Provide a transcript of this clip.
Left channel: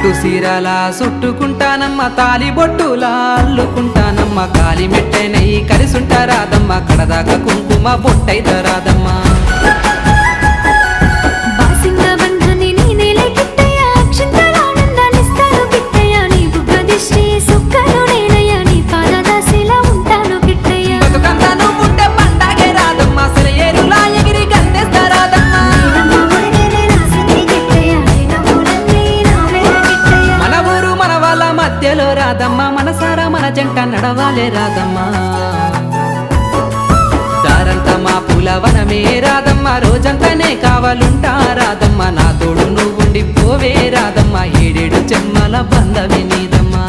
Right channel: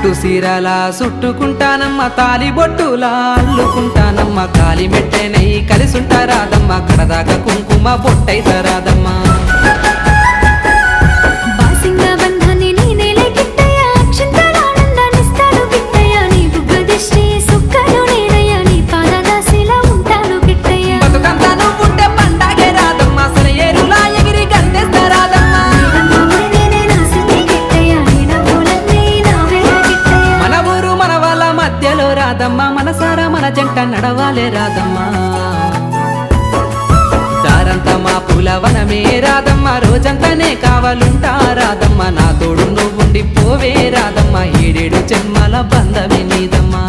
పట్టు సీరలా సుట్టుకుంటానమ్మ తాలి బొట్టులా అల్లుకుంటానమ్మ కాలి మెట్టెనై కలిసుంటారాదమ్మ కడదాకా కుంకుమ బొట్టైతరాదమ్మా బాసింగ బంధాన్ని నేనేలే కిట్టయ్య అక్షంతలానందాన్నిస్తాను కిట్టయ్య నీ బుగ్గ దిష్టి సుక్కలు నేనయ్య నీ పాదదాసిలా ఉంటాను కిట్టయ్య బతుకంతా నువ్వుంటే పండగే రాదమ్మ అసలు ఏరులా ఎగిరి గంతేస్తారాదమ్మా మన ఊరు మన వాళ్ళ మధ్యలో రాదమ్మా మనసారా మన జంట నడవాలే రాదమ్మా దారంతా మా పూలవనమే రాదమ్మా రోజంతానే కావాలుంటా రాదమ్మా నా తోడు నువ్వుండి పోవే రాదమ్మా 7 జన్మల బంధమే నీదమ్మా